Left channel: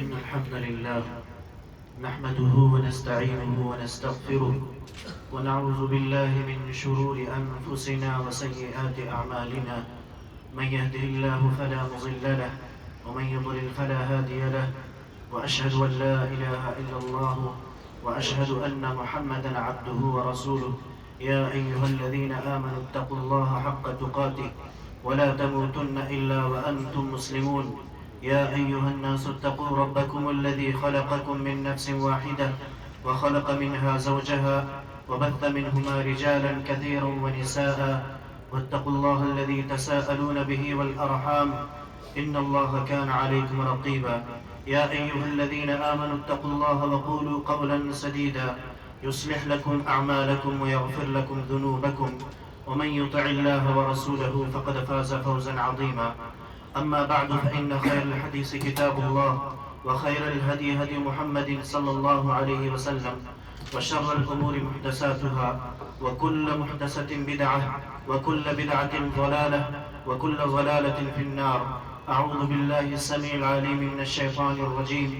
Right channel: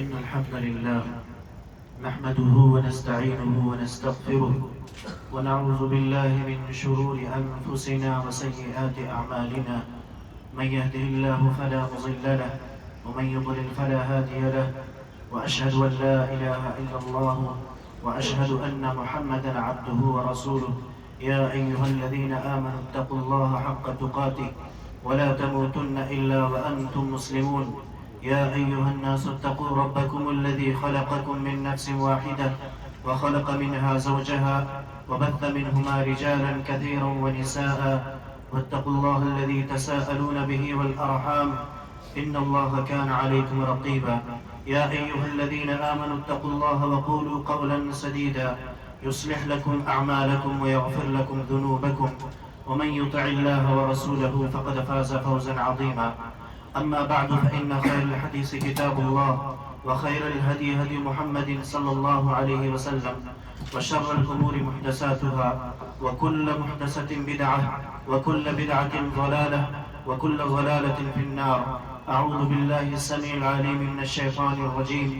إن الحمد لله نحمده ونستعينه ونستغفره ونعوذ بالله من شرور أنفسنا وسيئات أعمالنا. من يهده الله فلا مضل له ومن يضلل فلا هادي له، وأشهد أن لا إله إلا الله وأشهد أن محمدا عبده ورسوله. يا أيها الذين آمنوا اتقوا الله حق تقاته ولا تموتن إلا وأنتم مسلمون. يا أيها الناس اتقوا ربكم الذي خلقكم من نفس واحدة وخلق منها زوجها وبث منهما رجالا كثيرا ونساء، واتقوا الله الذي تساءلون به والأرحام إن الله كان عليكم رقيبا. يا أيها الذين آمنوا اتقوا الله وقولوا قولا سديدا يصلح لكم أعمالكم ويغفر لكم ذنوبكم، ومن يطع الله ورسوله فقد فاز فوزا عظيما. أما بعد فإن خير الحديث كتاب الله، وخير الهدي هدي محمد صلى الله عليه وسلم، وشر الأمور محدثاتها، وكل محدثة بدعة، وكل بدعة ضلالة، وكل ضلالة في النار. أعوذ بالله السميع العليم من الشيطان الرجيم.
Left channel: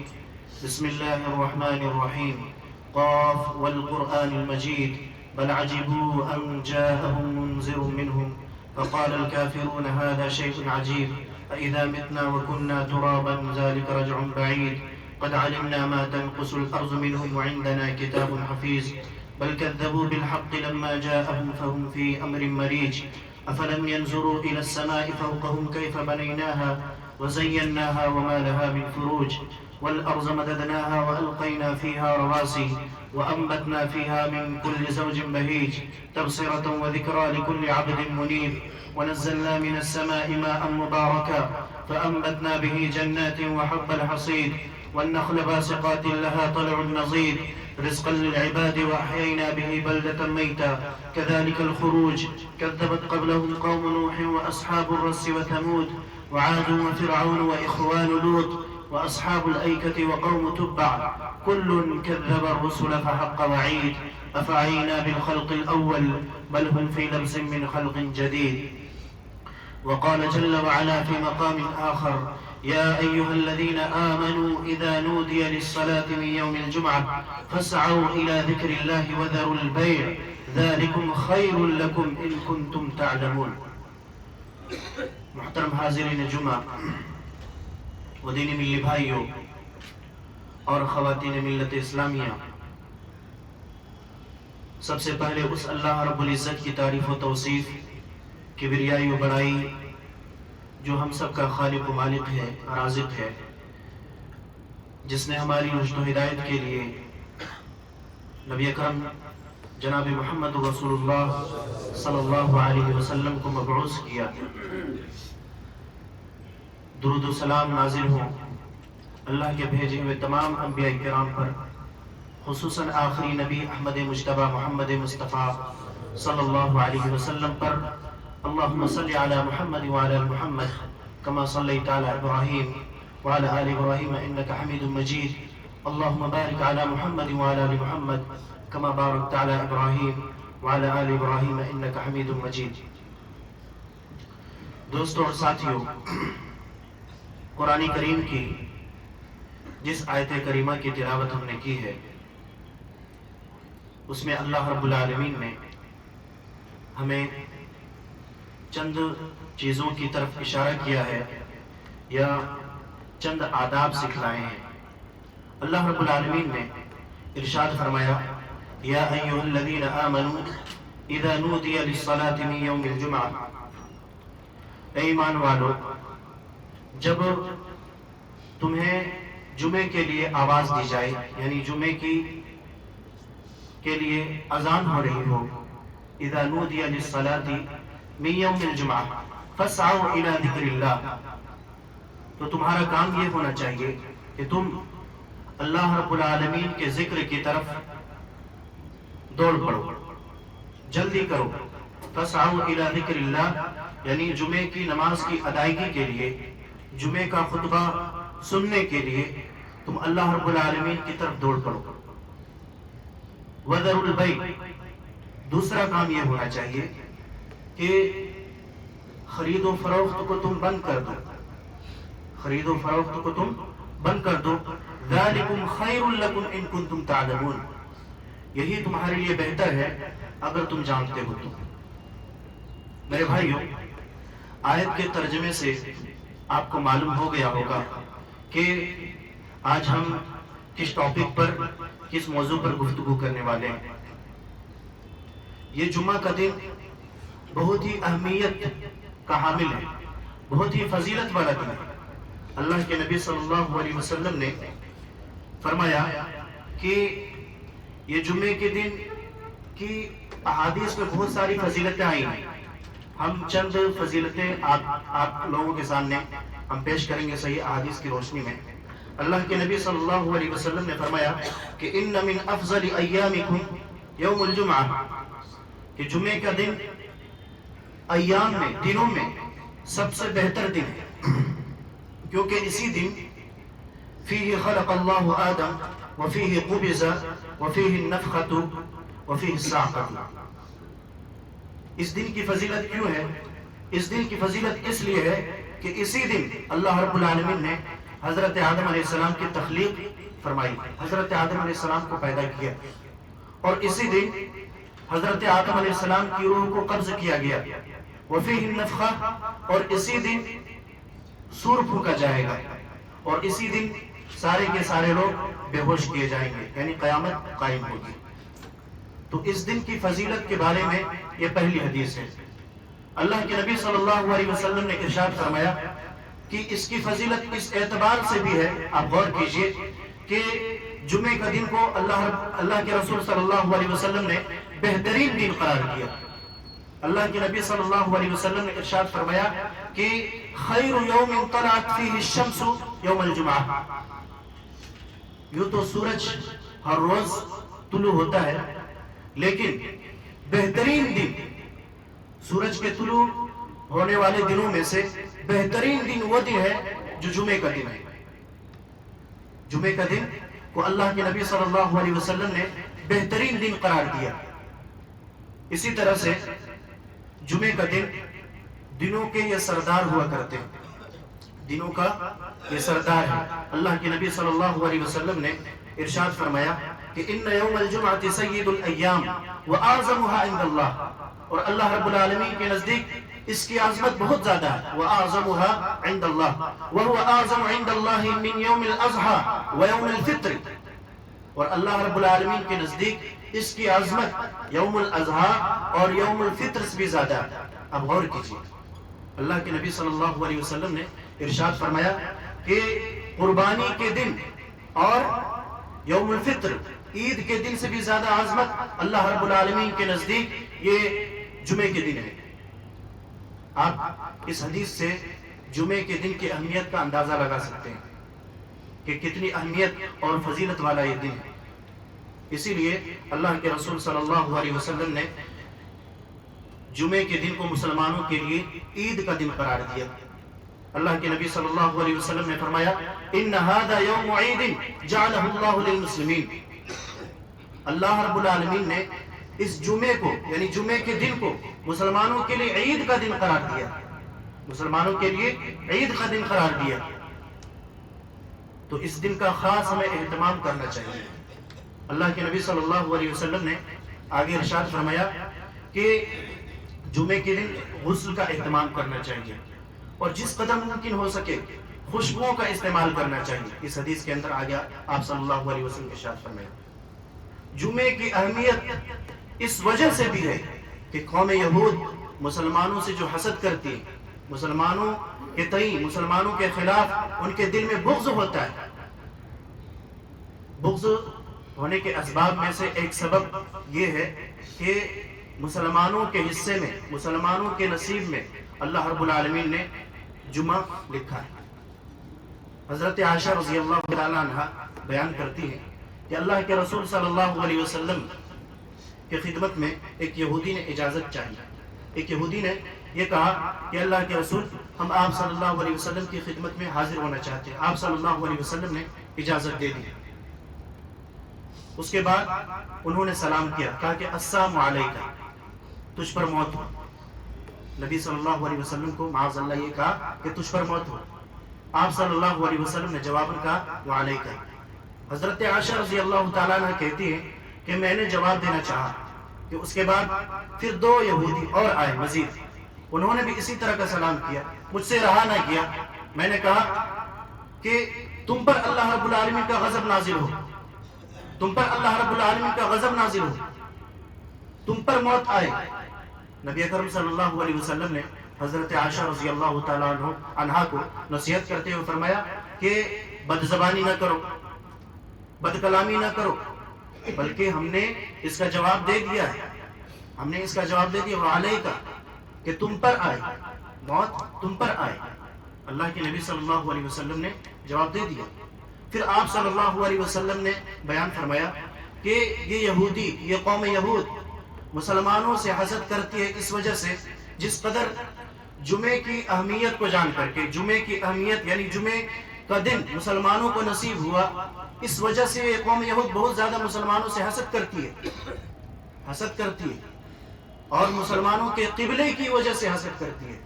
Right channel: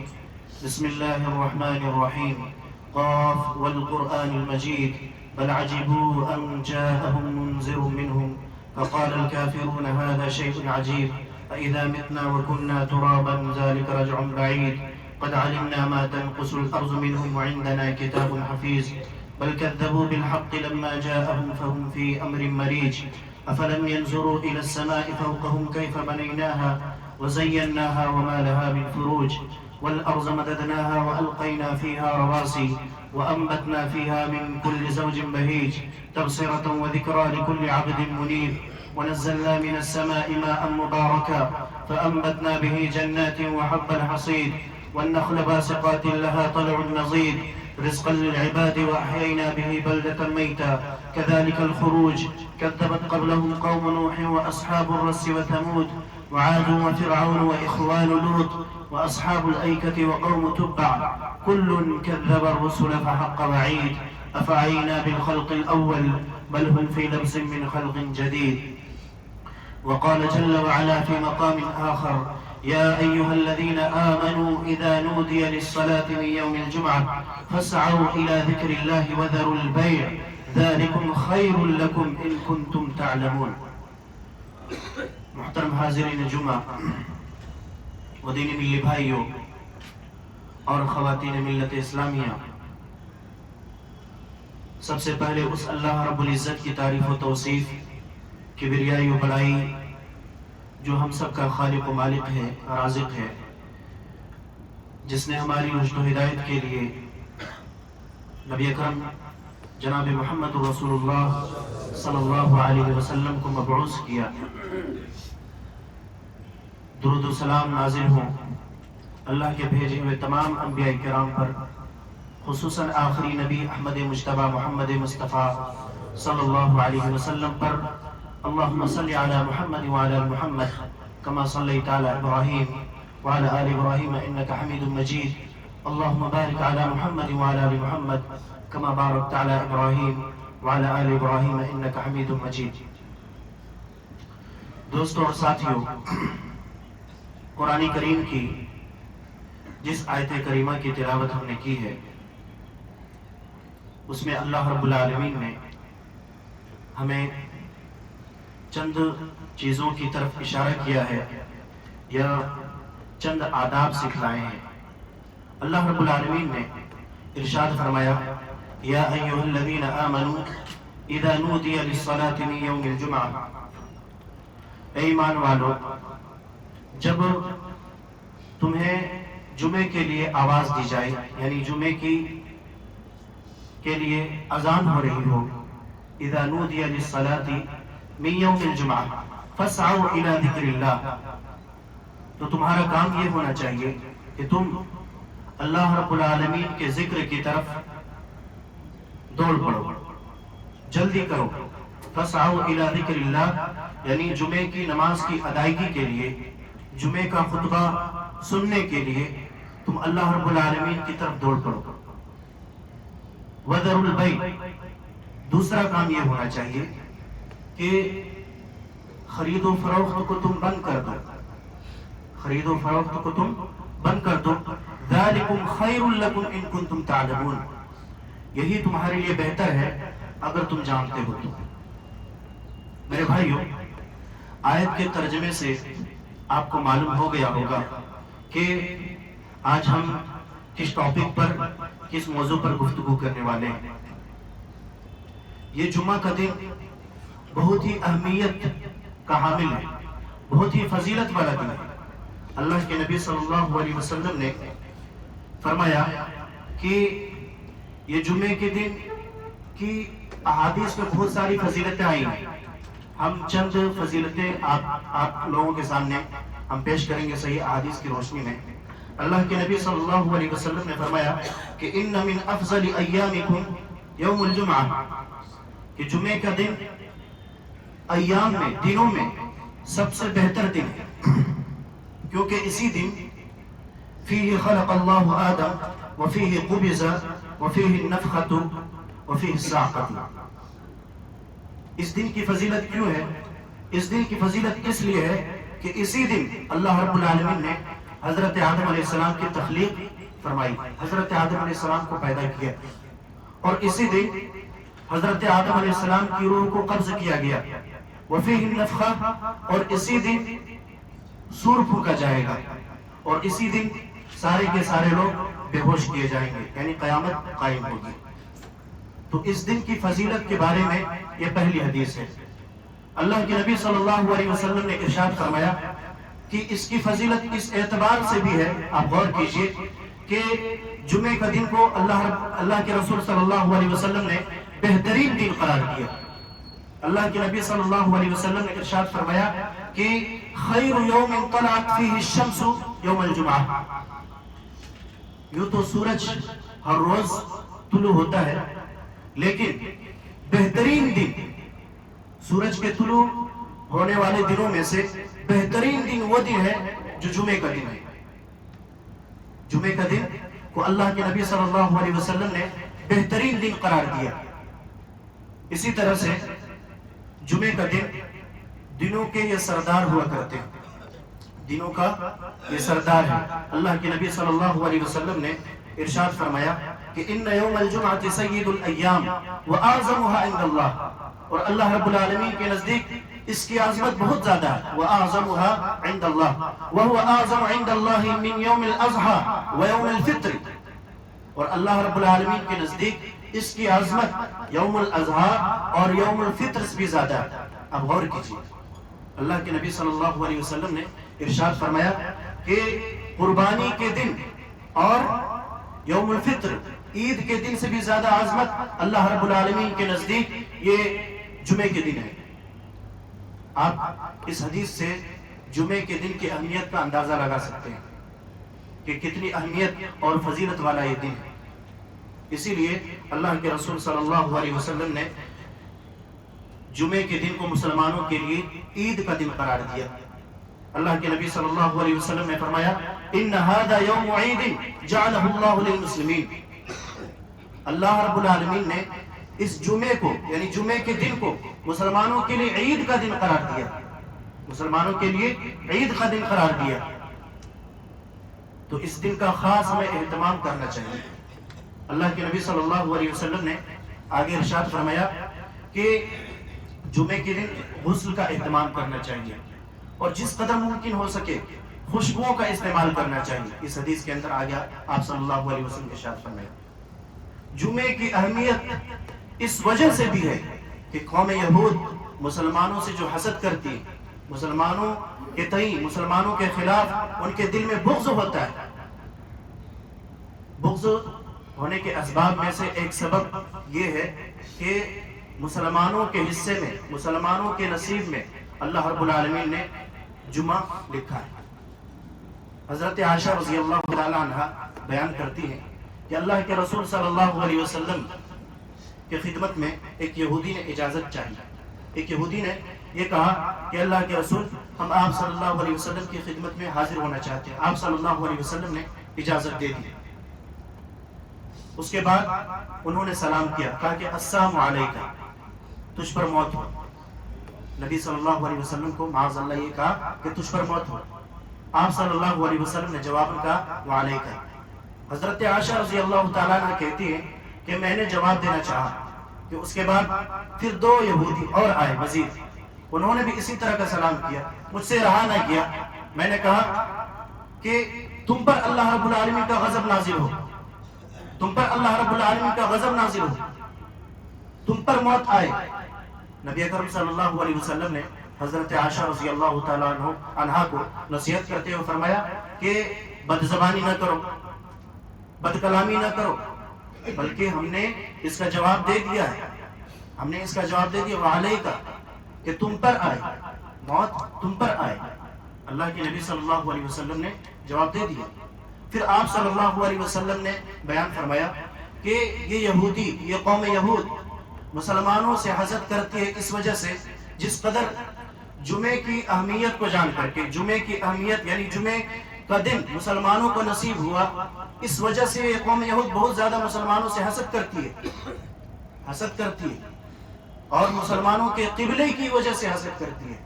بسم الله الرحمن الرحيم. قاف والقرآن المجيد بل عجبوا أن جاءهم منذر منهم فقال الكافرون هذا شيء عجيب أإذا متنا وكنا ترابا ذلك رجع بعيد قد علمنا ما تنقص الأرض منهم وعندنا كتاب حفيظ بل كذبوا بالحق لما جاءهم فهم في أمر مريج أفلم ينظروا إلى السماء فوقهم كيف بنيناها وزيناها وما لها من فروج والأرض مددناها وألقينا فيها رواسي وأنبتنا فيها من كل زوج بهيج تبصرة وذكرى لكل عبد منيب ونزلنا من السماء ماء مباركا فأنبتنا به جنات وحب الحصيد والنخل باسقات لها طلع نضيد رزقا للعباد وأحيينا به بلدة ميتا كذلك الخروج كذبت قبلهم قوم نوح وأصحاب الرس وثمود وعاد وفرعون وإخوان لوط وأصحاب الأيكة وقوم تبع كل كذب الرسل فحق وعيد أفعينا بالخلق الأول بل هم في لبس من خلق جديد. وقال جل وعلا في مقام آخر يا أيها الذين آمنوا إذا نودي للصلاة من يوم الجمعة فاسعوا إلى ذكر الله وذروا البيع ذلكم خير لكم إن كنتم تعلمون. محترم حاضرین جمعہ و دینی ملی بھائیوں اور خواتین ملت اسلامیہ، سب سے پہلے اس اللہ رب العزت کی تعریف و توصیف، کبریائی و بڑائی جو ہم سب کا خالق و مالک ہے، رازق ہے، جس نے ہماری رشد و ہدایت کے لیے نبی اکرم جناب محمد رسول اللہ صلی اللہ علیہ وسلم کو مبعوث کیا۔ درود و سلام نازل ہوں اللہ کے بھیجے ہوئے تمام انبیاء کرام پر، خصوصاً آخری نبی احمد مجتبی محمد مصطفیٰ صلی اللہ علیہ وسلم پر۔ اللہم صلی علی محمد وعلی محمد کما صلیت علی ابراہیم وعلی آل ابراہیم انکا حمید مجید۔ اللہم بارک علی محمد وعلی محمد کما بارکت علی ابراہیم وعلی آل ابراہیم انکا حمید مجید۔ دوستو اور ساتھیوں، قرآن کریم کی جس آیت کریمہ کی تلاوت ہم نے کی ہے، اس میں اللہ رب العالمین نے ہمیں چند چیزوں کی طرف اشارہ کیا ہے یا چند آداب سکھلائے ہیں۔ اللہ رب العالمین نے ارشاد فرمایا یا ایھا الذین آمنوا اذا نودی للصلاة من یوم الجمعہ، اے ایمان والو، جب تمہیں جمعے کے لیے آواز دی جائے، یعنی جمعے کے لیے اذان ہو رہی ہو، اذا نودی للصلاة من یوم الجمعہ فاسعوا الی ذکر اللہ، تو تمہارا کام یہ ہونا چاہیے کہ تم اللہ رب العالمین کے ذکر کی طرف دوڑ پڑو، جلدی کرو۔ فاسعوا الی ذکر اللہ یعنی جمعے کی نماز کی ادائیگی کے لیے، جمعے کا خطبہ سننے کے لیے تم اللہ رب العالمین کی طرف دوڑ پڑو۔ وَذَرُوا الْبَيْعَ، دوسرا کام یہ ہونا چاہیے کہ خرید و فروخت کو تم بند کر دو، خرید و فروخت کو تم بند کر دو. ذالکم خیر لکم ان کنتم تعلمون. یہی تمہارے لیے بہتر ہے اگر تم جانتے ہو تو. میرے بھائیو، آیت کے ترجمے سے آپ کو معلوم ہو گیا ہوگا کہ آج ہم کس ٹاپک پر، کس موضوع پر گفتگو کرنے والے ہیں. یہ جمعہ کا دن بہت ہی اہمیت کا حامل ہے، بہت ہی فضیلت والا دن ہے. اللہ کے نبی صلی اللہ علیہ وسلم نے فرمایا کہ یہ جمعے کے دن کی احادیث میں بہت ساری فضیلتیں آئی ہیں. ہم چند فضیلتیں آپ لوگوں کے سامنے ہم پیش کریں گے صحیح احادیث کی روشنی میں. اللہ کے نبی صلی اللہ علیہ وسلم نے فرمایا کہ ان من افضل ایامکم یوم الجمعہ، کہ جمعے کا دن ایام میں، دنوں میں سب سے بہتر دن ہے، کیونکہ اسی دن فیہ خلق اللہ آدم وفیہ قبض وفیہ النفخۃ وفیہ الصاعقۃ. اس دن کی فضیلت کیوں ہے؟ اس دن کی فضیلت اس لیے ہے کہ اسی دن اللہ رب العالمین نے حضرت آدم علیہ السلام کی تخلیق فرمائی، حضرت آدم علیہ السلام کو پیدا کیا، اور اسی دن حضرت آدم علیہ السلام کی روح کو قبض کیا گیا. وفیہ النفخہ، اور اسی دن سور پھونکا جائے گا، اور اسی دن سارے کے سارے لوگ بے ہوش کیے جائیں گے، یعنی قیامت قائم ہوگی. تو اس دن کی فضیلت کے بارے میں یہ پہلی حدیث ہے. اللہ کے نبی صلی اللہ علیہ وسلم نے ارشاد فرمایا کہ اس کی فضیلت اس اعتبار سے بھی ہے، آپ غور کیجئے کہ جمعے کا دن کو اللہ کے رسول صلی اللہ علیہ وسلم نے بہترین دن قرار دیا. اللہ کے نبی صلی اللہ علیہ وسلم نے ارشاد فرمایا کہ خیر یوم طلعت فیہ الشمس یوم الجمعہ. یوں تو سورج ہر روز طلوع ہوتا ہے، لیکن بہترین دن، سورج کے طلوع ہونے والے دنوں میں سے بہترین دن وہ دن ہے جو جمعے کا دن ہے. جمعے کا دن کو اللہ کے نبی صلی اللہ علیہ وسلم نے بہترین دن قرار دیا. اسی طرح سے جمعے کا دن دنوں کے یہ سردار ہوا کرتے ہیں، دنوں کا یہ سردار ہے. اللہ کے نبی صلی اللہ علیہ وسلم نے ارشاد فرمایا کہ ان یوم الجمعہ سید الایام واعظمها عند اللہ، اور اللہ رب العالمین کے نزدیک اس کی عظمت بہت زیادہ ہے. واعظمها عند اللہ وهو اعظم عند اللہ من یوم الاضحى ویوم الفطر، اور اللہ رب العالمین کے نزدیک اس کی عظمت یوم الاضحیٰ اور یوم الفطر سے بھی زیادہ ہے. اب غور کیجیے، اللہ کے نبی صلی اللہ علیہ وسلم نے ارشاد فرمایا کہ قربانی کے دن اور یوم الفطر، عید کے دن سے بھی زیادہ عظمت اللہ رب العالمین کے نزدیک یہ جمعے کے دن ہے. آپ اس حدیث سے جمعے کے دن کی اہمیت کا اندازہ لگا سکتے ہیں کہ کتنی اہمیت اور فضیلت والا یہ دن ہے. اسی لیے اللہ کے رسول صلی اللہ علیہ وسلم نے جمعے کے دن کو مسلمانوں کے لیے عید کا دن قرار دیا. اللہ کے نبی صلی اللہ علیہ وسلم نے فرمایا ان هذا یوم عید جعلہ اللہ للمسلمین. اللہ رب العالمین نے اس جمعے کو، یعنی جمعے کے دن کو مسلمانوں کے لیے عید کا دن قرار دیا، مسلمانوں کے لیے عید کا دن قرار دیا. تو اس دن کا خاص ہمیں اہتمام کرنا چاہیے. اللہ کے نبی صلی اللہ علیہ وسلم نے آگے ارشاد فرمایا کہ جمعے کے دن غسل کا اہتمام کرنا چاہیے، اور جس قدر ممکن ہو سکے خوشبوؤں کا استعمال کرنا چاہیے. اس حدیث کے اندر آگے آپ صلی اللہ علیہ وسلم کے ارشاد فرمایا. جمعے کی اہمیت اس وجہ سے بھی ہے کہ قوم یہود مسلمانوں سے جو حسد کرتی ہے، مسلمانوں کے تئیں، مسلمانوں کے خلاف ان کے دل میں بغض ہوتا ہے. بغض ہونے کے اسباب میں سے ایک سبب یہ ہے کہ مسلمانوں کے حصے میں، مسلمانوں کے نصیب میں اللہ رب العالمین نے جمعہ لکھا ہے. حضرت عائشہ رضی اللہ تعالی عنہ بیان کرتی ہیں کہ اللہ کے رسول صلی اللہ علیہ وسلم کی خدمت میں ایک یہودی نے اجازت چاہی. ایک یہودی نے یہ کہا کہ اللہ کے رسول، ہم آپ صلی اللہ علیہ وسلم کی خدمت میں حاضر ہونا چاہتے ہیں. آپ صلی اللہ علیہ وسلم نے اجازت دے دی. اس کے بعد انہوں نے سلام کیا، کہا کہ السلام علیکم، تجھ پر موت ہو. نبی صلی اللہ علیہ وسلم کو معاذ اللہ یہ کہا کہ تجھ پر موت ہو. آپ صلی اللہ علیہ وسلم نے جواب کہا وعلیکہ۔ حضرت عائشہ رضی اللہ تعالیٰ عنہ کہتی ہے کہ میں نے جواب دینا چاہا کہ اس کے بعد پھر 2 یہودی اور آئے مزید، انہوں نے بھی اسی طرح کا سلام کیا، مجھ سے رہا نہ کیا۔ میں نے کہا کہ تم پر اللہ رب العالمین کا غضب نازل ہو، تم پر اللہ رب العالمین کا غضب نازل ہو، تم پر موت آئے۔ نبی اکرم صلی اللہ علیہ وسلم نے حضرت عائشہ رضی اللہ تعالیٰ عنہ کو نصیحت کرتے ہوئے فرمایا کہ بد زبانی نہ کرو، بد کلامی نہ کرو، بلکہ ہم نے اس کا جواب دے دیا ہے، ہم نے اس کا جواب دے دیا وعلیکہ، کہ تم پر آئے، موت تم پر آئے۔ اللہ کے نبی صلی اللہ علیہ وسلم نے جواب دے دیا۔ پھر آپ صلی اللہ علیہ وسلم نے بیان فرمایا کہ یہ یہودی، یہ قوم یہود مسلمانوں سے حسد کرتی ہے اس وجہ سے جس قدر جمعے کی اہمیت کو جان کر کے، جمعے کی اہمیت یعنی جمعے کا دن مسلمانوں کو نصیب ہوا، اس وجہ سے یہ قوم یہود بہت زیادہ مسلمانوں سے حسد کرتی ہے، حسد کرتی ہے، اور مسلمانوں کے قبلے کی وجہ سے حسد کرتی ہے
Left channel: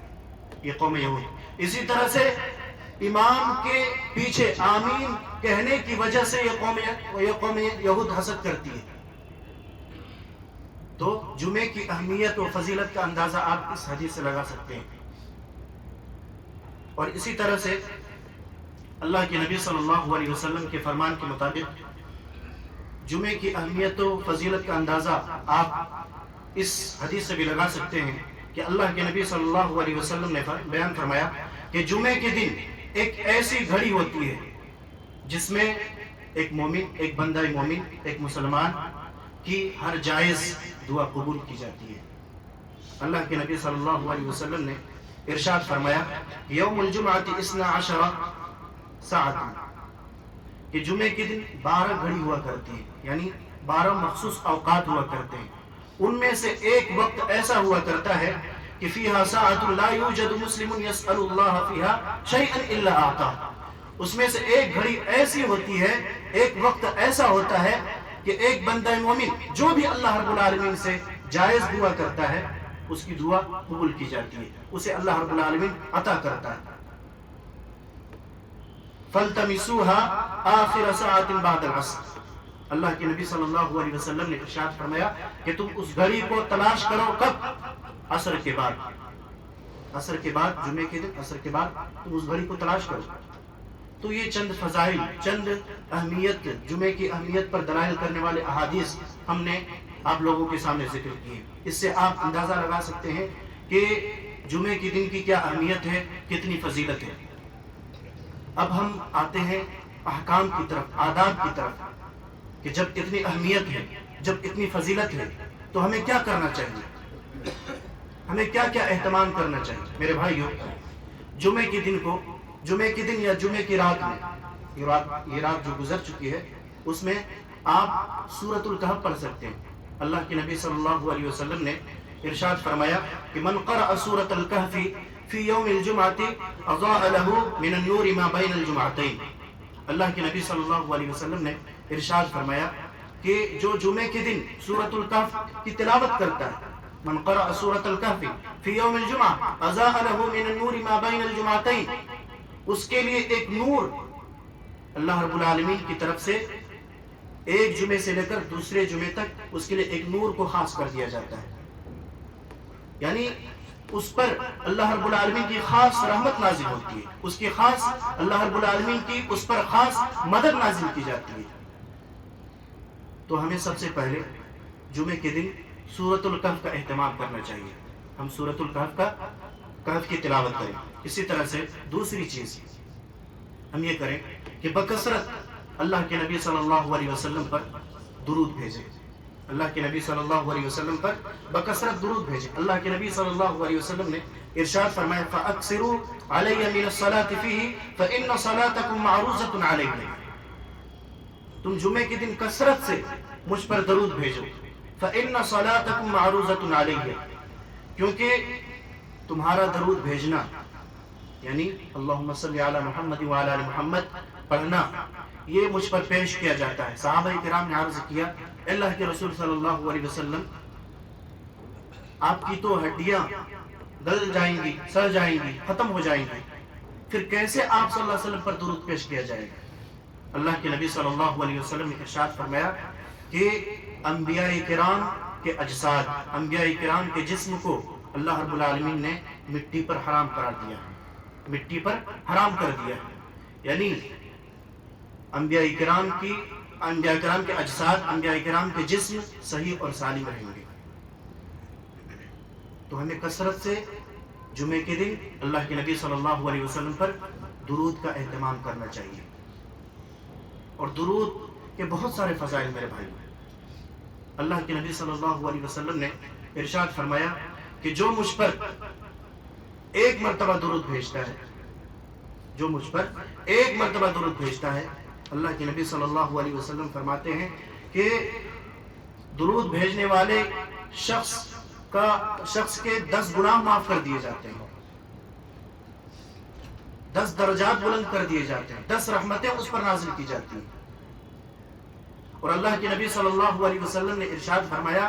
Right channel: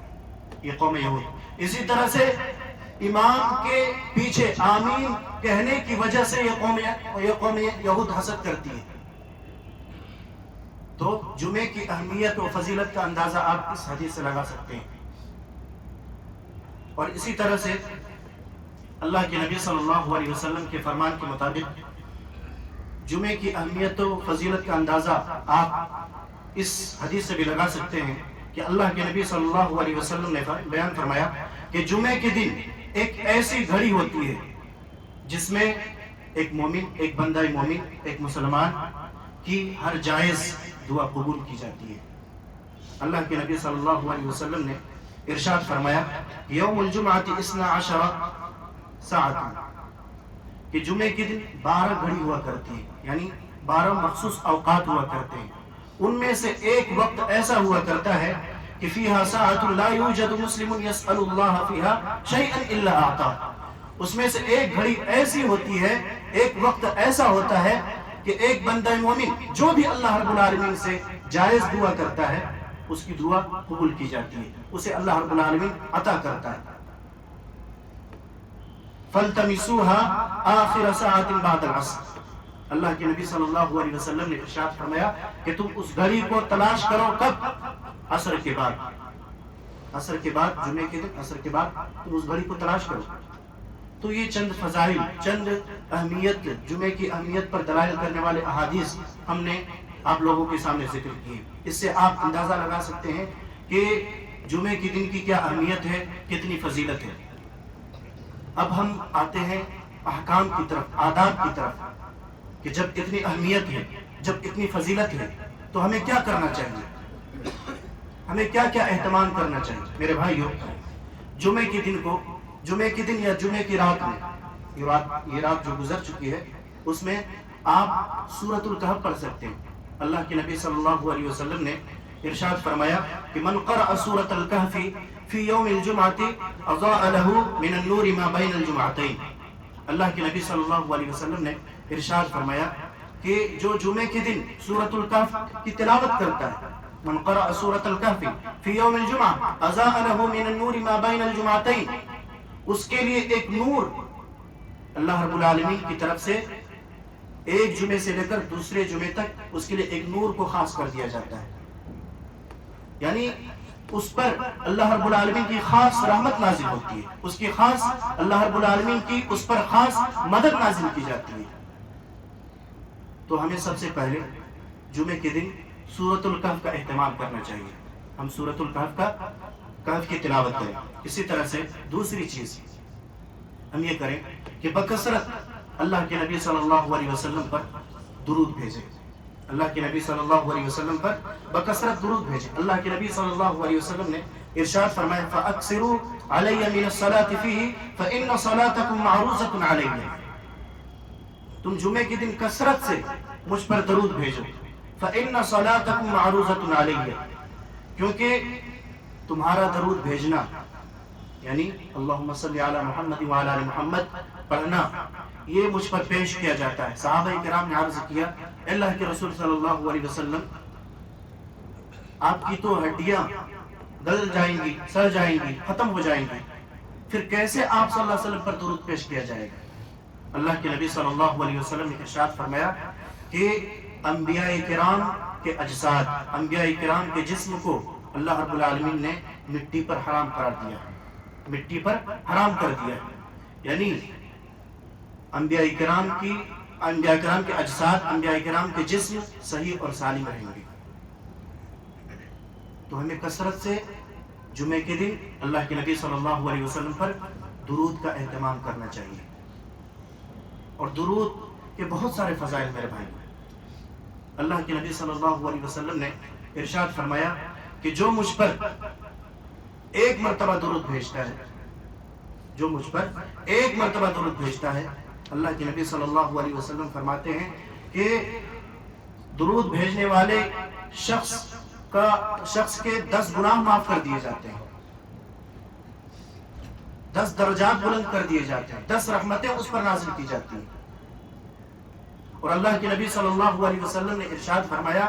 یہ قوم یہود۔ اسی طرح سے امام کے پیچھے آمین کہنے کی وجہ سے یہ قوم یہود حسد کرتی ہے۔ تو جمعے کی اہمیت و فضیلت کا اندازہ آپ اس حدیث سے لگا سکتے ہیں۔ اور اسی طرح سے اللہ کے نبی صلی اللہ علیہ وسلم کے فرمان کے مطابق جمعے کی اہمیت و فضیلت کا اندازہ آپ اس حدیث سے بھی لگا سکتے ہیں کہ اللہ کے نبی صلی اللہ علیہ وسلم نے بیان فرمایا کہ جمعے کے دن ایک ایسی گھڑی ہوتی ہے جس میں ایک مومن، ایک بندہ مومن، ایک مسلمان کی ہر جائز دعا قبول کی جاتی ہے۔ اللہ کے نبی صلی اللہ علیہ وسلم نے ارشاد فرمایا یوم الجمعۃ 12 ساعۃ، کہ جمعے کے دن 12 گھڑی ہوا کرتی ہے، یعنی 12 مخصوص اوقات ہوا کرتے ہیں، ان میں سے ایک وقت ایسا ہوا کرتا ہے کہ فیہا ساعۃ لا یوجد مسلم یسأل اللہ فیہا شیئا الا اعطاہ، اس میں سے ایک گھڑی ایسی ہوتی ہے، ایک وقت ایسا ہوتا ہے کہ ایک بندہ مومن جو بھی اللہ رب العالمین سے جائز دعا کرتا ہے اس کی دعا قبول کی جاتی ہے، اسے اللہ رب العالمین عطا کرتا ہے۔ فَالْتَمِسُوهَا آخِرَ سَاعَةٍ بَعْدَ الْعَصْرِ، اللہ کے نبی صلی اللہ علیہ وسلم نے ارشاد فرمایا کہ تم اس گھڑی کو تلاش کرو، کب؟ عصر کے بعد، عصر کے بعد، جمعے کے دن عصر کے بعد تم اس گھڑی کو تلاش کرو۔ تو یہ چند فضائل، چند اہمیت، جمعے کی اہمیت پر دلائل کرنے والے احادیث ہم نے آپ لوگوں کے سامنے ذکر کیے۔ اس سے آپ اندازہ لگا سکتے ہیں کہ جمعے کے دن کی کیا اہمیت ہے، کتنی فضیلت ہے۔ اب ہم آتے ہیں احکام کی طرف، آداب کی طرف، کہ جب اتنی اہمیت ہے، جب اتنی فضیلت ہے تو ہمیں کیا کرنا چاہیے، ہمیں کیا کیا اہتمام کرنا چاہیے۔ میرے بھائیو، جمعے کے دن کو، جمعے کے دن یا جمعے کی رات میں، یہ رات جو گزر چکی ہے اس میں آپ سورۃ الکہف پڑھ سکتے ہیں۔ اللہ کے نبی صلی اللہ علیہ وسلم نے ارشاد فرمایا کہ من قرأ سورۃ الکہف فی یوم الجمعۃ اضاء له من النور ما بین الجمعتین، اللہ کے نبی صلی اللہ علیہ وسلم نے ارشاد فرمایا کہ جو جمعے کے دن سورۃ الکہف کی تلاوت کرتا ہے، من قرأ سورۃ الکہف فی یوم الجمعہ اضاء له من النور ما بین الجمعتین، اس کے لیے ایک نور اللہ رب العالمین کی طرف سے ایک جمعے سے لے کر دوسرے جمعے تک اس کے لیے ایک نور کو خاص کر دیا جاتا ہے، یعنی اس پر اللہ رب العالمین کی خاص رحمت نازل ہوتی ہے، اس کی خاص، اللہ رب العالمین کی اس پر خاص مدد نازل کی جاتی ہے۔ تو ہمیں سب سے پہلے جمعے کے دن سورۃ الکہف کا اہتمام کرنا چاہیے، ہم سورۃ الکہف کی تلاوت کریں۔ اسی طرح سے دوسری چیز ہم یہ کریں کہ بکثرت اللہ کے نبی صلی اللہ علیہ وسلم پر درود بھیجیں، اللہ کے نبی صلی اللہ علیہ وسلم پر بکثرت درود بھیجیں۔ اللہ کے نبی صلی اللہ علیہ وسلم نے ارشاد فرمایا فَأَكْثِرُوا عَلَيَّ مِنَ الصَّلَاةِ فِيهِ فَإِنَّ صَلَاتَكُمْ مَعْرُوضَةٌ عَلَيَّ، تم جمعے کے دن کثرت سے مجھ پر درود بھیجو، فَإِنَّ صَلَاتَكُمْ مَعْرُوضَةٌ عَلَيَّ، کیونکہ تمہارا درود بھیجنا یعنی اللہم صلی علی محمد وعلی آل محمد پڑھنا، یہ مجھ پر پیش کیا جاتا ہے۔ صحابہ کرام نے عرض کیا اللہ کے رسول صلی اللہ علیہ وسلم، آپ کی تو ہڈیاں گل جائیں گی، سڑ جائیں گی، ختم ہو جائیں گی، پھر کیسے آپ صلی اللہ علیہ وسلم پر درود پیش کیا جائے گا؟ اللہ کے نبی صلی اللہ علیہ وسلم نے ارشاد فرمایا کہ انبیاء کرام کے اجساد، انبیاء کرام کے جسم کو اللہ رب العالمین نے مٹی پر حرام قرار دیا، مٹی پر حرام کر دیا، یعنی انبیاء کرام کے اجساد، انبیاء کرام کے جسم صحیح اور سالم رہیں گے۔ تو ہمیں کثرت سے جمعے کے دن اللہ کے نبی صلی اللہ علیہ وسلم پر درود کا اہتمام کرنا چاہیے۔ اور درود کے بہت سارے فضائل میرے بھائی، اللہ کے نبی صلی اللہ علیہ وسلم نے ارشاد فرمایا کہ جو مجھ پر ایک مرتبہ درود بھیجتا ہے، جو مجھ پر ایک مرتبہ درود بھیجتا ہے، اللہ کے نبی صلی اللہ علیہ وسلم فرماتے ہیں کہ درود بھیجنے والے شخص کے 10 گناہ معاف کر دیے جاتے ہیں، 10 درجات بلند کر دیے جاتے ہیں، 10 رحمتیں اس پر نازل کی جاتی ہیں۔ اور اللہ کے نبی صلی اللہ علیہ وسلم نے ارشاد فرمایا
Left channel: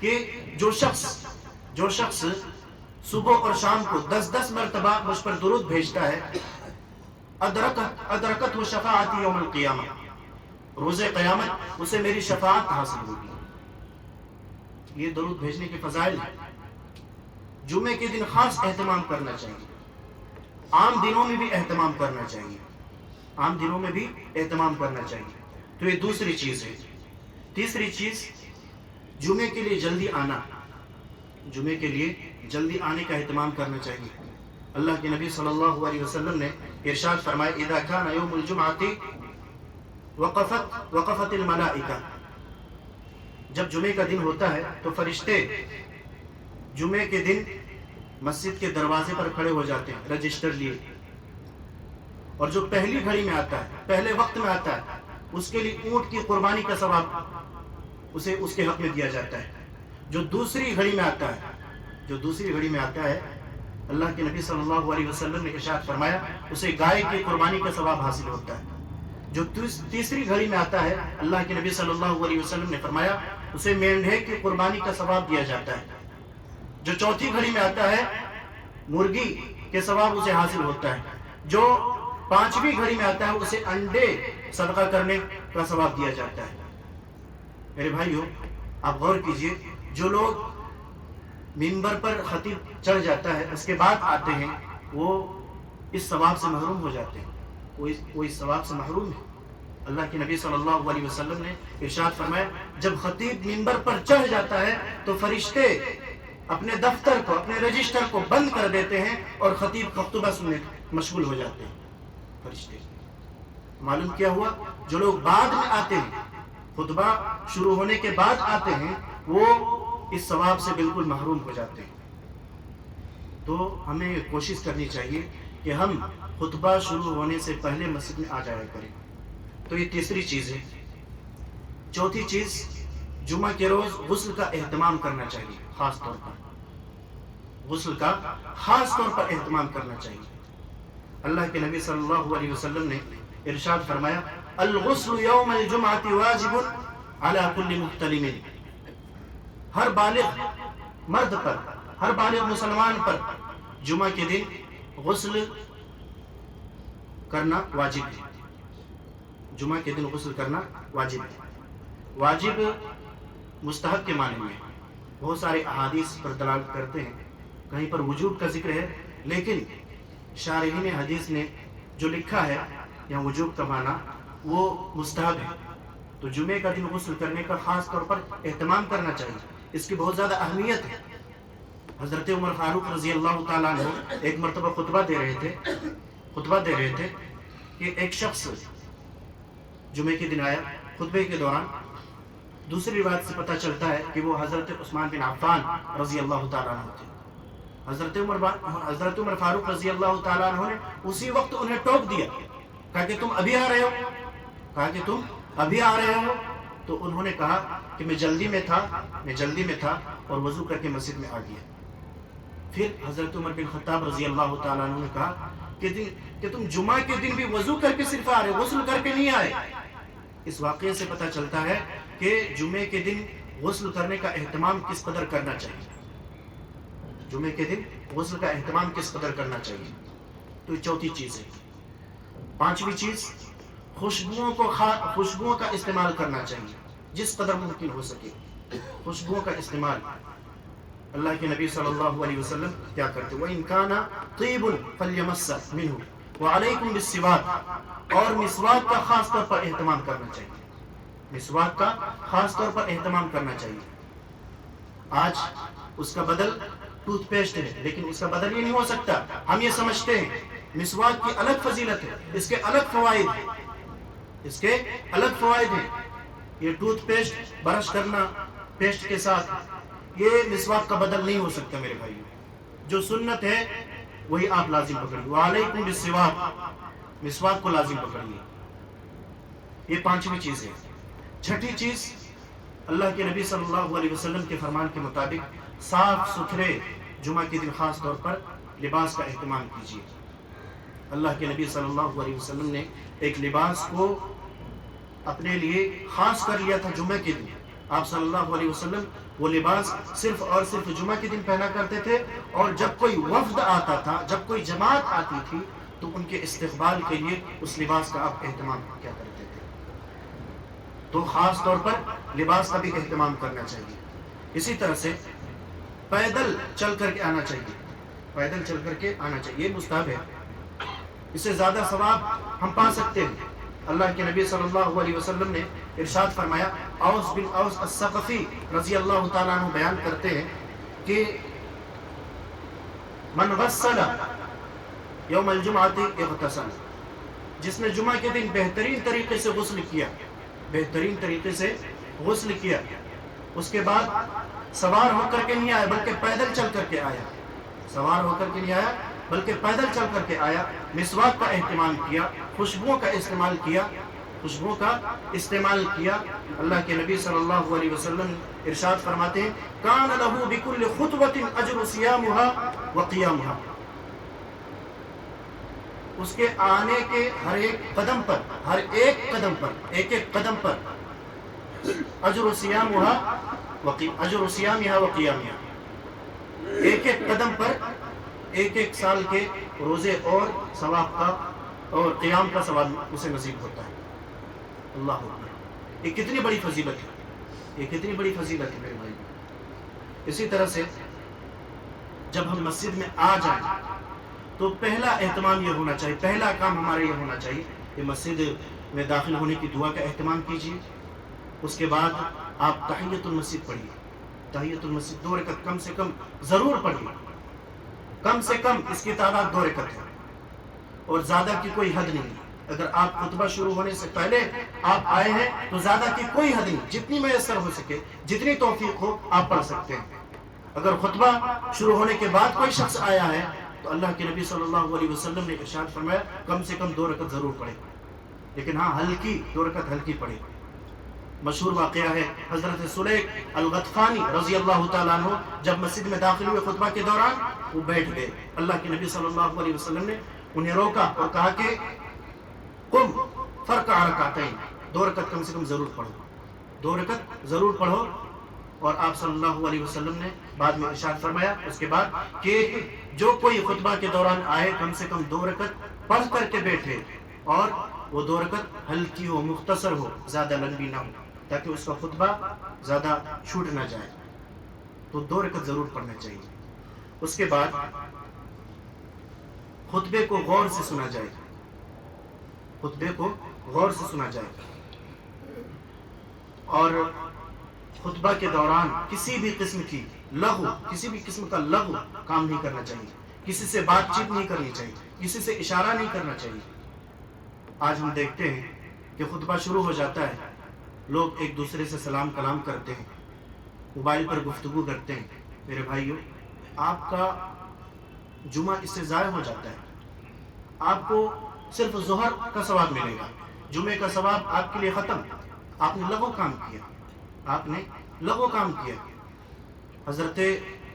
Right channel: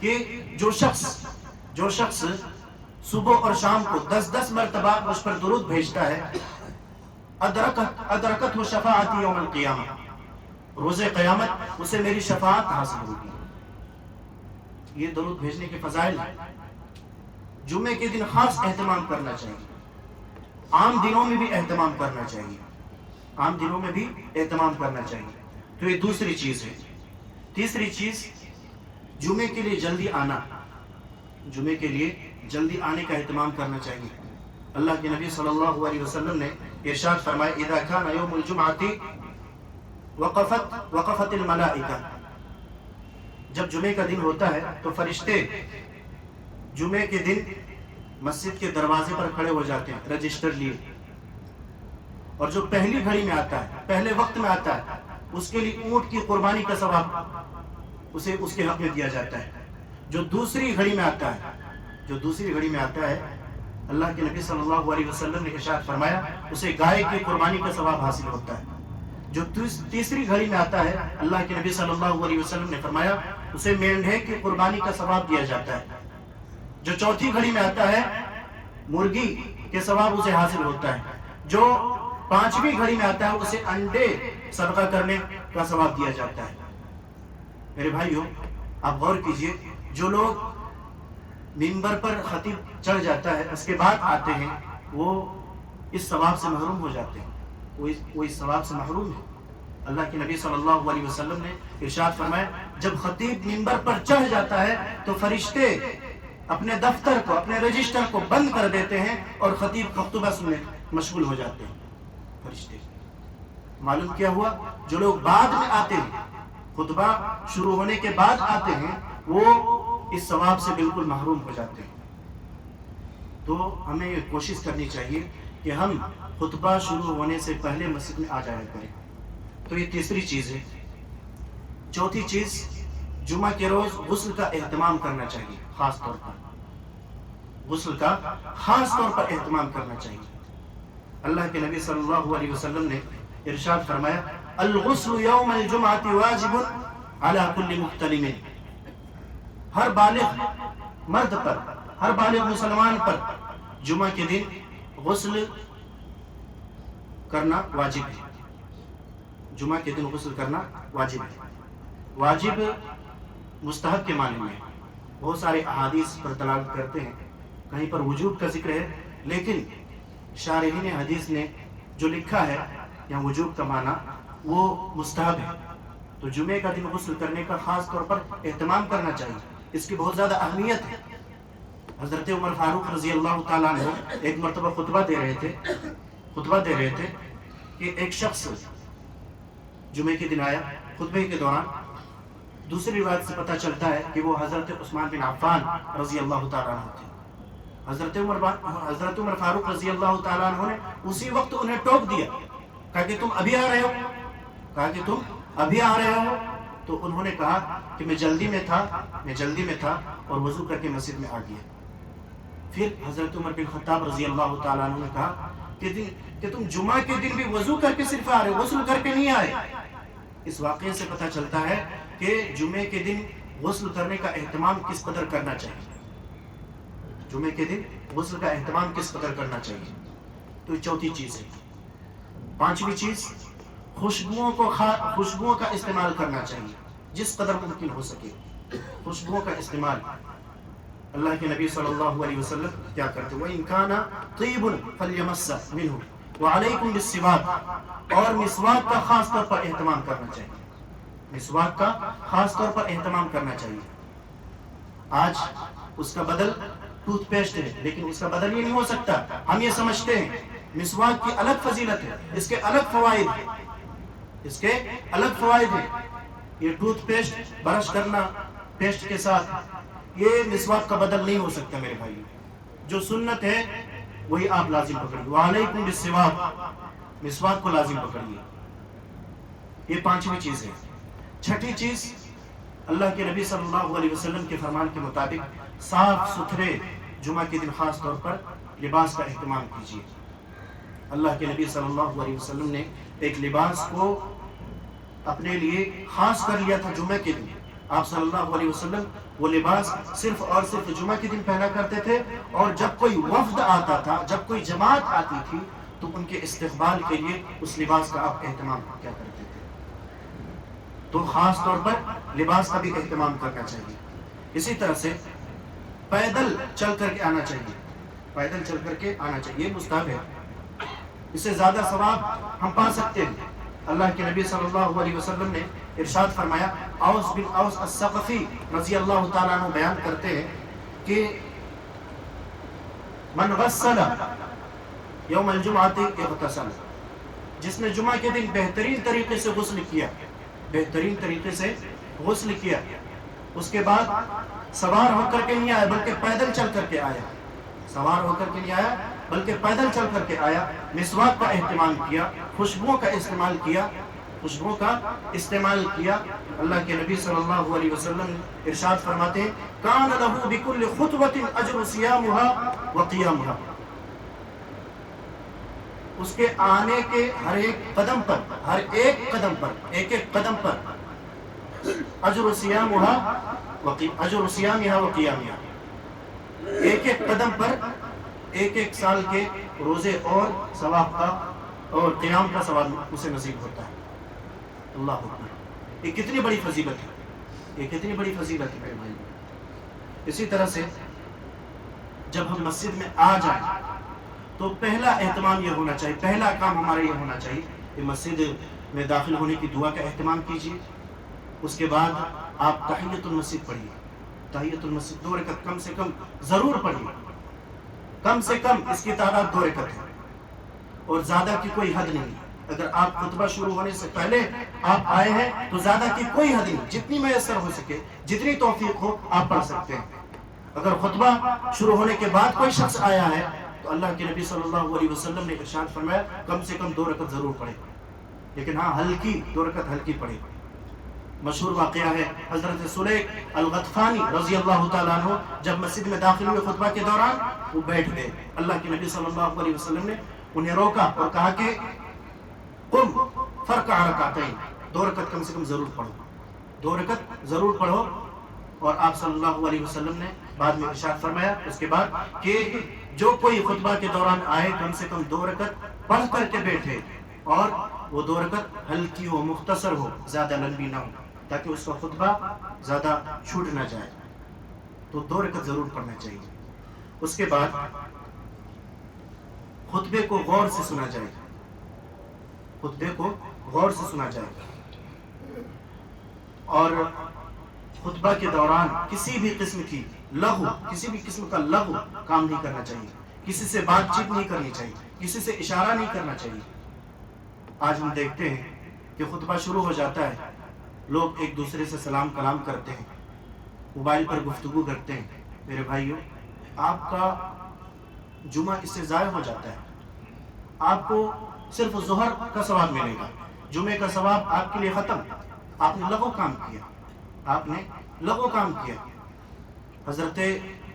کہ جو شخص صبح اور شام کو 10 مرتبہ مجھ پر درود بھیجتا ہے، ادرکت و شفاعتی یوم القیامہ، روز قیامت اسے میری شفاعت حاصل ہوگی۔ یہ درود بھیجنے کے فضائل ہیں۔ جمعے کے دن خاص اہتمام کرنا چاہیے، عام دنوں میں بھی اہتمام کرنا چاہیے، عام دنوں میں بھی اہتمام کرنا چاہیے۔ تو یہ دوسری چیز ہے۔ تیسری چیز، جمعے کے لیے جلدی آنا، جمعے کے لیے جلدی آنے کا اہتمام کرنا چاہیے۔ اللہ کے نبی صلی اللہ علیہ وسلم نے ارشاد فرمایا اذا كان يوم الجمعة وقفت الملائکہ، جب جمعے کا دن ہوتا ہے تو فرشتے جمعے کے دن مسجد کے دروازے پر کھڑے ہو جاتے ہیں رجسٹر لیے، اور جو پہلی گھڑی میں آتا ہے، پہلے وقت میں آتا ہے، اس کے لیے اونٹ کی قربانی کا ثواب اسے اس کے حق میں دیا جاتا ہے۔ جو دوسری گھڑی میں آتا ہے، اللہ کے نبی صلی اللہ علیہ وسلم نے ارشاد فرمایا اسے گائے کی قربانی کا ثواب حاصل ہوتا ہے۔ جو تیسری گھڑی میں آتا ہے، اللہ کے نبی صلی اللہ علیہ وسلم نے فرمایا اسے مینڈھے کی قربانی کا ثواب دیا جاتا ہے۔ جو چوتھی گھڑی میں آتا ہے، مرغی کے ثواب اسے حاصل ہوتا ہے۔ جو پانچویں گھڑی میں آتا ہے، اسے انڈے صدقہ کرنے کا ثواب دیا جاتا ہے۔ میرے بھائیوں، آپ غور کیجئے، جو لوگ منبر پر خطیب چڑھ جاتا ہے اس کے بعد آتے ہیں، وہ اس ثواب سے محروم ہو جاتے ہیں، وہ اس ثواب سے محروم ہے۔ اللہ کے نبی صلی اللہ علیہ وسلم نے ارشاد فرمایا جب خطیب منبر پر چڑھ جاتا ہے تو فرشتے اپنے دفتر کو، اپنے رجسٹر کو بند کر دیتے ہیں اور خطیب کا خطبہ سننے مشغول ہو جاتے ہیں فرشتے۔ معلوم کیا ہوا؟ جو لوگ بعد میں آتے ہیں، خطبہ شروع ہونے کے بعد آتے ہیں، وہ اس ثواب سے بالکل محروم ہو جاتے ہیں۔ تو ہمیں کوشش کرنی چاہیے کہ ہم خطبہ شروع ہونے سے پہلے مسجد میں آ جایا کریں۔ تو یہ تیسری چیز ہے۔ چوتھی چیز، جمعہ کے روز غسل کا اہتمام کرنا چاہیے، خاص طور پر غسل کا خاص طور پر اہتمام کرنا چاہیے۔ اللہ کے نبی صلی اللہ علیہ وسلم نے ارشاد فرمایا الغسل یوم الجمعۃ واجب علی کل محتلم، ہر بالغ مرد پر، ہر بالغ مسلمان پر جمعہ کے دن غسل کرنا واجب ہے۔ جمعہ کے دن غسل کرنا واجب ہے۔ واجب مستحب کے معنی میں بہت سارے احادیث پر دلالت کرتے ہیں، کہیں پر وجوب کا ذکر ہے، لیکن شارحین حدیث نے جو لکھا ہے یا وجوب کا معنی وہ مستحب ہے۔ تو جمعے کا دن غسل کرنے کا خاص طور پر اہتمام کرنا چاہیے، اس کی بہت زیادہ اہمیت ہے۔ حضرت عمر فاروق رضی اللہ تعالیٰ عنہ ایک مرتبہ خطبہ دے رہے تھے کہ ایک شخص جمعے کے دن آیا، خطبے کے دوران دوسری روایت سے پتہ چلتا ہے کہ وہ حضرت عثمان بن عفان رضی اللہ تعالیٰ عنہ تھے۔ حضرت عمر فاروق رضی اللہ تعالیٰ عنہ نے اسی وقت انہیں ٹوک دیا، کہا کہ تم ابھی آ رہے ہو، تو انہوں نے کہا کہ میں جلدی میں تھا اور وضو کر کے مسجد میں آ گیا۔ پھر حضرت عمر بن خطاب رضی اللہ تعالیٰ عنہ نے کہا کہ تم جمعہ کے دن بھی وضو کر کے صرف آ رہے، غسل کر کے نہیں آئے۔ اس واقعے سے پتہ چلتا ہے کہ جمعے کے دن غسل کرنے کا اہتمام کس قدر کرنا چاہیے، جمعے کے دن غسل کا اہتمام کس قدر کرنا چاہیے۔ تو یہ چوتھی چیز ہے. پانچویں چیز، خوشبوؤں کا استعمال کرنا چاہیے جس قدر ممکن ہو سکے. خوشبوؤں کا استعمال، اللہ کے نبی صلی اللہ علیہ وسلم کیا کرتے ہیں؟ وَإِن كَانَ طِيبٌ فَلْيَمَسَّ مِنْهُ وَعَلَيْكُمْ بِالسِّوَاكِ. اور مسواک کا خاص طور پر اہتمام کرنا چاہیے. مسواک کا خاص طور پر اہتمام کرنا چاہیے. آج اس کا بدل ٹوتھ پیسٹ ہے، لیکن اس کا بدل یہ نہیں ہو سکتا. ہم یہ سمجھتے ہیں مسواک کی الگ فضیلت ہے، اس کے الگ فوائد ہیں، اس کے الگ فوائد ہیں. یہ ٹوتھ پیسٹ برش کرنا پیسٹ کے ساتھ، یہ مسواک کا بدل نہیں ہو سکتا میرے بھائی. جو سنت ہے وہی آپ لازم پکڑیے. وعلیکم بالسواک، مسواک کو لازم پکڑیے. یہ پانچویں چیز ہے. چھٹی چیز، اللہ کے نبی صلی اللہ علیہ وسلم کے فرمان کے مطابق صاف ستھرے جمعہ کے دن خاص طور پر لباس کا اہتمام کیجیے. اللہ کے نبی صلی اللہ علیہ وسلم نے ایک لباس کو اپنے لیے خاص کر لیا تھا جمعہ کے دن. آپ صلی اللہ علیہ وسلم وہ لباس صرف اور صرف جمعہ کے دن پہنا کرتے تھے، اور جب کوئی وفد آتا تھا، جب کوئی جماعت آتی تھی، تو ان کے استقبال کے لیے اس لباس کا آپ اہتمام کیا کرتے تھے. تو خاص طور پر لباس کا بھی اہتمام کرنا چاہیے. اسی طرح سے پیدل چل کر کے آنا چاہیے. پیدل چل کر کے آنا چاہیے، یہ مستحب ہے. اس سے زیادہ ثواب ہم پا سکتے ہیں. اللہ کے نبی صلی اللہ علیہ وسلم نے ارشاد فرمایا، اوس بن اوس الثقفی رضی اللہ تعالیٰ عنہ بیان کرتے ہیں کہ من غسل یوم الجمعۃ اغتسل، جس نے جمعہ کے دن بہترین طریقے سے غسل کیا، بہترین طریقے سے غسل کیا، اس کے بعد سوار ہو کر کے نہیں آیا بلکہ پیدل چل کر کے آیا، سوار ہو کر کے نہیں آیا بلکہ پیدل چل کر کے آیا، مسواک کا اہتمام کیا، خوشبوؤں کا استعمال کیا، خوشبوؤں کا استعمال کیا. اللہ کے نبی صلی اللہ علیہ وسلم ارشاد فرماتے ہیں، کان لہ بکل خطوۃ اجر صیامها وقیامها. اس کے آنے کے ہر ایک قدم پر، ہر ایک قدم پر، ایک ایک قدم پر اجر صیامها وقیامها، ایک ایک قدم پر ایک ایک سال کے روزے اور ثواب کا اور قیام کا ثواب اسے نصیب ہوتا ہے. اللہ اکبر، یہ کتنی بڑی فضیلت ہے، یہ کتنی بڑی فضیلت ہے میرے بھائی. اسی طرح سے جب ہم مسجد میں آ جائیں تو پہلا اہتمام یہ ہونا چاہیے، پہلا کام ہمارا یہ ہونا چاہیے کہ مسجد میں داخل ہونے کی دعا کا اہتمام کیجیے. اس کے بعد آپ تحیۃ المسجد پڑھیے. تحیۃ المسجد 2 رکعت کم سے کم ضرور پڑھیے. کم سے کم اس کی تعداد 2 رکعت ہے، اور زیادہ کی کوئی حد نہیں. اگر آپ خطبہ شروع ہونے سے پہلے آپ آئے ہیں تو زیادہ کی کوئی حد نہیں، جتنی میسر ہو سکے، جتنی توفیق ہو آپ پڑھ سکتے ہیں. اگر خطبہ شروع ہونے کے بعد کوئی شخص آیا ہے تو اللہ کے نبی صلی اللہ علیہ وسلم نے ارشاد فرمایا کم سے کم 2 رکعت ضرور پڑھے، لیکن ہاں ہلکی 2 رکعت ہلکی پڑھے. مشہور واقعہ ہے حضرت سلیق الغطفانی رضی اللہ تعالیٰ عنہ جب مسجد میں داخل ہوئے خطبہ کے دوران وہ بیٹھ گئے. اللہ کے نبی صلی اللہ علیہ وسلم نے انہیں روکا اور کہا کہ قم فرقع رکعتین، 2 رکعت کم سے کم ضرور پڑھو، 2 رکعت ضرور پڑھو. اور آپ صلی اللہ علیہ وسلم نے بعد میں ارشاد فرمایا اس کے بعد کہ جو کوئی خطبہ کے دوران آئے کم سے کم 2 رکعت پڑھ کر کے بیٹھے، اور وہ 2 رکعت ہلکی ہو، مختصر ہو، زیادہ لمبی نہ ہو، تاکہ اس کا خطبہ زیادہ چھوٹ نہ جائے. تو 2 رکعت ضرور پڑھنا چاہیے. اس کے بعد خطبے کو غور سے سنا جائے، خطبے کو غور سے سنا جائے. اور خطبہ کے دوران کسی بھی قسم کی لغو، کسی بھی قسم کا لغو کام نہیں کرنا چاہیے. کسی سے بات چیت نہیں کرنی چاہیے، کسی سے اشارہ نہیں کرنا چاہیے. آج ہم دیکھتے ہیں کہ خطبہ شروع ہو جاتا ہے، لوگ ایک دوسرے سے سلام کلام کرتے ہیں، موبائل پر گفتگو کرتے ہیں. میرے بھائیوں، آپ کا جمعہ اس سے ضائع ہو جاتا ہے. آپ کو صرف ظہر کا ثواب ملے گا، جمعے کا ثواب آپ کے لیے ختم. آپ نے لغو کام کیا، آپ نے لغو کام کیا. حضرت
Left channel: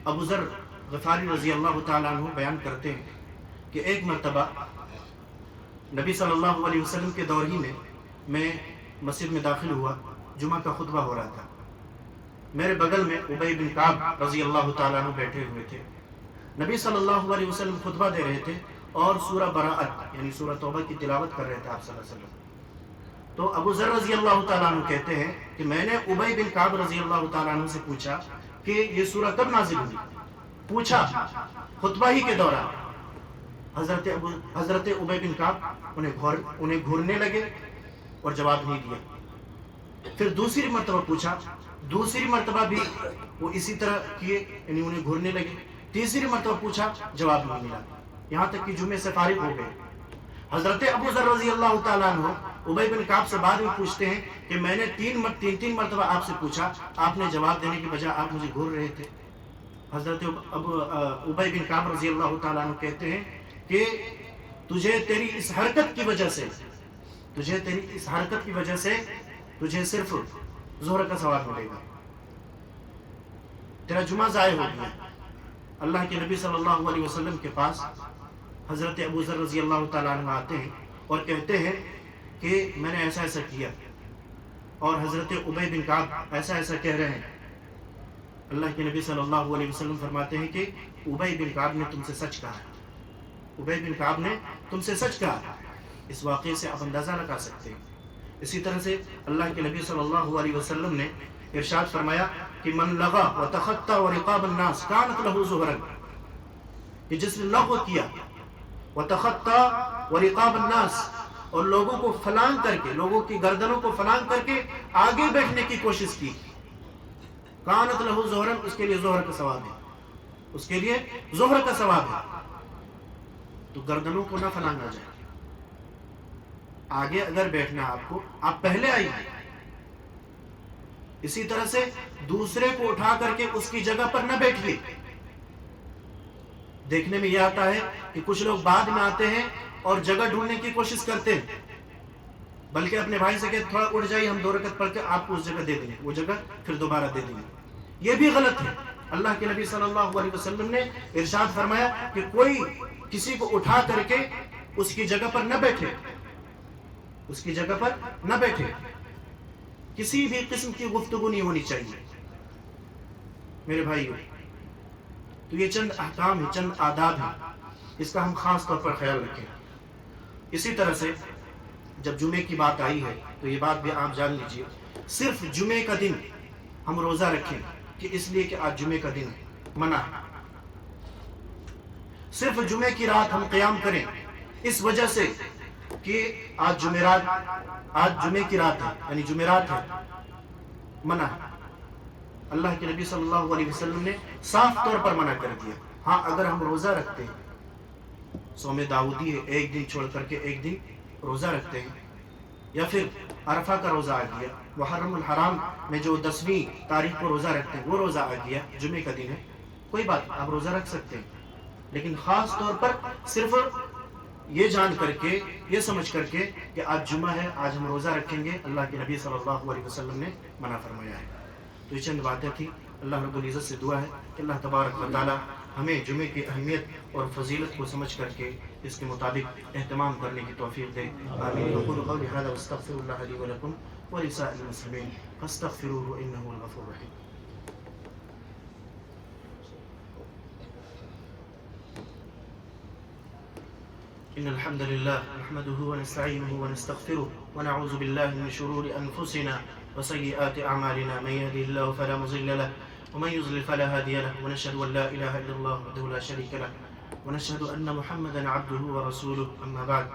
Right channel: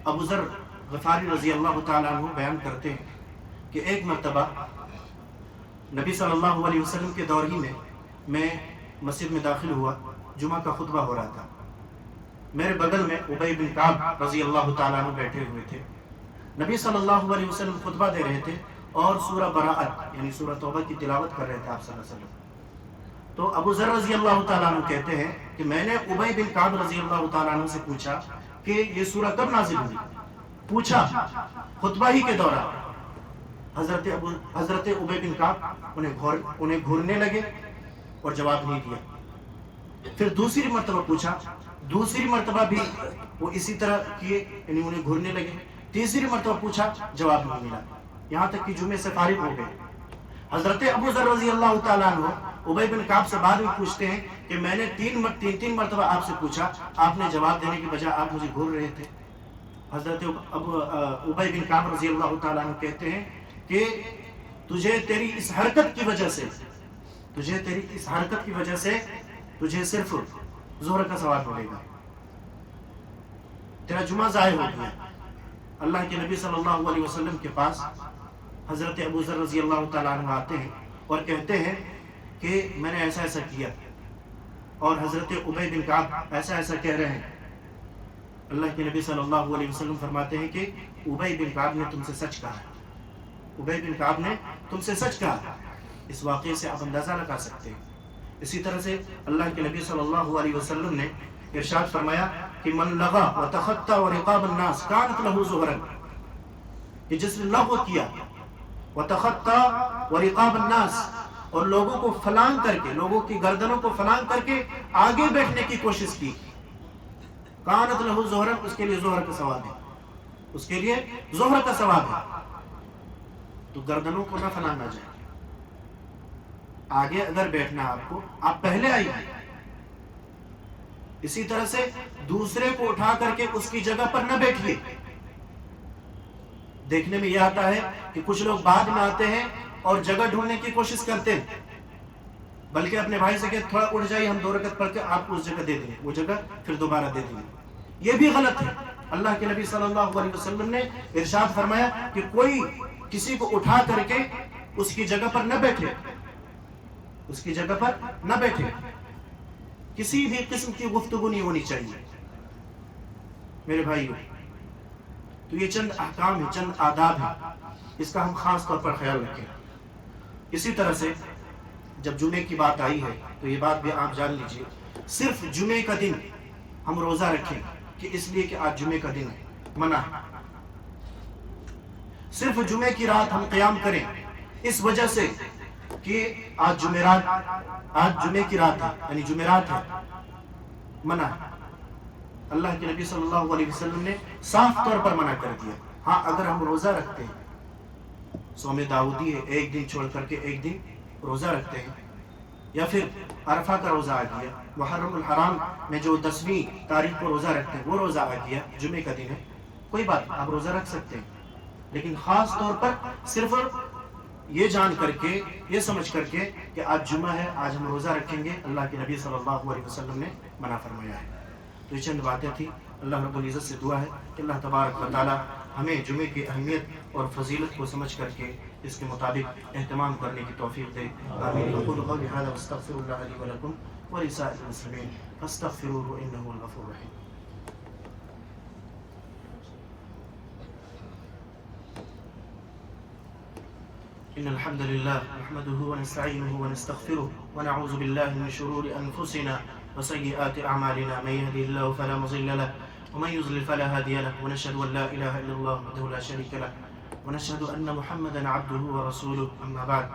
ابو ذر غفاری رضی اللہ تعالیٰ عنہ بیان کرتے ہیں کہ ایک مرتبہ نبی صلی اللہ علیہ وسلم کے دور ہی میں مسجد میں داخل ہوا، جمعہ کا خطبہ ہو رہا تھا. میرے بغل میں ابی بن کعب رضی اللہ تعالیٰ عنہ بیٹھے ہوئے تھے. نبی صلی اللہ علیہ وسلم خطبہ دے رہے تھے اور سورہ براءت یعنی سورہ توبہ کی تلاوت کر رہے تھے آپ صلی اللہ علیہ وسلم. تو ابو ذر رضی اللہ تعالیٰ عنہ کہتے ہیں کہ میں نے ابی بن کعب رضی اللہ تعالیٰ عنہ سے پوچھا کہ یہ سورہ کب نازل ہوئی. پوچھا خطبہ ہی کے دوران. حضرت ابی بن کعب انہیں گھورنے لگے اور جواب نہیں دیا. پھر دوسری مرتبہ پوچھا, دوسری مرتبہ بھی وہ اسی طرح کیے, یعنی انہیں گھورنے لگے. تیسری مرتبہ پوچھا, جواب نہیں ملا, یہاں تک کہ جمعے سے فارغ ہو گئے. حضرت ابو ذر رضی اللہ تعالیٰ عنہ ابی بن کعب سے بعد میں پوچھتے ہیں کہ میں نے تین مرتبہ آپ سے پوچھا, آپ نے جواب دینے کی بجائے آپ مجھے گھور رہے تھے. حضرت ابی بن کعب رضی اللہ تعالیٰ عنہ کہتے ہیں کہ تجھے تیری اس حرکت کی وجہ سے تجھے صرف ظہر کا ثواب ملے گا, تیرا جمعہ ضائع ہو گیا. اللہ کے نبی صلی اللہ علیہ وسلم کے پاس حضرت ابو ذر رضی اللہ تعالیٰ عنہ آتے ہیں اور کہتے ہیں کہ میں نے ایسا ایسا کیا, اور حضرت ابی بن کعب ایسا ایسا کہہ رہے ہیں. اللہ کے نبی صلی اللہ علیہ وسلم فرماتے ہیں کہ ابی بن کعب نے تم سے سچ کہا ہے, ابی بن کعب نے تم سے سچ کہا ہے. اس واقعے سے آپ اندازہ لگا سکتے ہیں. اسی طرح سے اللہ کے نبی صلی اللہ علیہ وسلم نے ارشاد فرمایا کہ من لغا وتخطى ورقاب الناس كانت له ظهرا, کہ جس نے لغو کیا وتخطى ورقاب الناس, اور لوگوں کو فلان کر کے, لوگوں کی گردنوں کو فلان کر کے آگے بیٹھنے کی کوشش کی, كانت له ظهرا, اس کے لیے ظہر کا ثواب ہے, اس کے لیے ظہر کا ثواب ہے. تو گردنوں کو نہ فلاننا جائے. آگے اگر بیٹھنا آپ کو, آپ پہلے آئیے. اسی طرح سے دوسرے کو اٹھا کر کے اس کی جگہ پر نہ بیٹھیے. دیکھنے میں یہ آتا ہے کہ کچھ لوگ بعد میں آتے ہیں اور جگہ ڈھونڈنے کی کوشش کرتے ہیں, بلکہ اپنے بھائی سے کہتے تھوڑا اٹھ جائیے, ہم 2 رکعت پڑھ کے آپ کو اس جگہ دے دیں گے, وہ جگہ پھر دوبارہ دے دیں گے. یہ بھی غلط ہے. اللہ کے نبی صلی اللہ علیہ وسلم نے ارشاد فرمایا کہ کوئی کسی کو اٹھا کر کے اس کی جگہ پر نہ بیٹھے, اس کی جگہ پر نہ بیٹھے. کسی بھی قسم کی گفتگو نہیں ہونی چاہیے میرے بھائیو. تو یہ چند احکام ہیں, چند آداب ہیں, اس کا ہم خاص طور پر خیال رکھیں. اسی طرح سے جب جمعے کی بات آئی ہے تو یہ بات بھی آپ جان لیجئے, صرف جمعے کا دن ہم روزہ رکھیں کہ اس لیے کہ آج جمعے کا دن ہے, منع ہے. صرف جمعے کی رات ہم قیام کریں اس وجہ سے کہ آج جمعے کی رات ہے, یعنی جمعرات ہے, منع ہے. اللہ کے نبی صلی اللہ علیہ وسلم نے صاف طور پر منع کر دیا. ہاں اگر ہم روزہ رکھتے ہیں, صوم داؤدی ہے, ایک دن چھوڑ کر کے ایک دن روزہ رکھتے ہیں, یا پھر عرفہ کا روزہ آ گیا, محرم الحرام میں جو 10ویں تاریخ کو روزہ رکھتے ہیں وہ روزہ آ گیا, جمعے کا دن ہے, کوئی بات آپ روزہ رکھ سکتے ہیں. لیکن خاص طور پر صرف یہ جان کر کے, یہ سمجھ کر کے کہ آج جمعہ ہے, آج ہم روزہ رکھیں گے, اللہ کے نبی صلی اللہ علیہ وسلم نے منع فرمایا ہے. تو یہ چند باتیں تھیں. اللہ رب العزت سے دعا ہے کہ اللہ تبارک و تعالی ہمیں جمعے کی اہمیت اور فضیلت کو سمجھ کر کے اس کے مطابق اہتمام کرنے کی توفیق دے. آمین. اقول قولی هذا واستغفر الله لي ولكم ولسائر المسلمين فاستغفروه انه هو الغفور الرحيم. إن الحمد لله نحمده ونستعينه ونستغفره ونعوذ بالله من شرور أنفسنا وسيئات أعمالنا, من يهده الله فلا مضل له ومن يضلل فلا هادي له, ونشهد أن لا إله إلا الله وحده لا شريك له, ونشهد أن محمدا عبده ورسوله. أما بعد,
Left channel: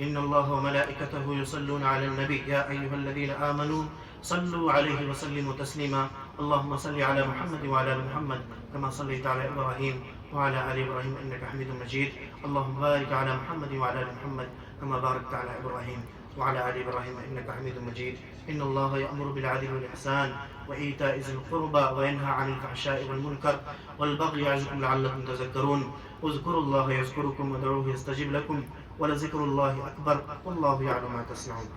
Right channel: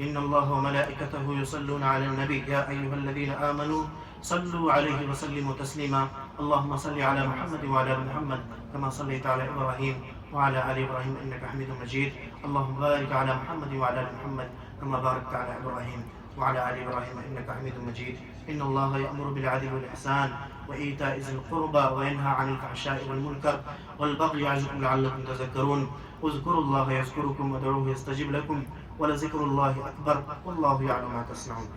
إن الله وملائكته يصلون على النبي يا أيها الذين آمنوا صلوا عليه وسلموا تسليما. اللهم صل على محمد وعلى آل محمد كما صليت على إبراهيم وعلى آل إبراهيم إنك حميد مجيد. اللهم بارك على محمد وعلى آل محمد كما باركت على إبراهيم وعلى آل إبراهيم إنك حميد مجيد. إن الله يأمر بالعدل والإحسان وإيتاء ذي القربى وينهى عن الفحشاء والمنكر والبغي يعظكم لعلكم تذكرون. اذكروا الله يذكركم وادعوه يستجب لكم ولذكر الله أكبر والله يعلم ما تصنعون.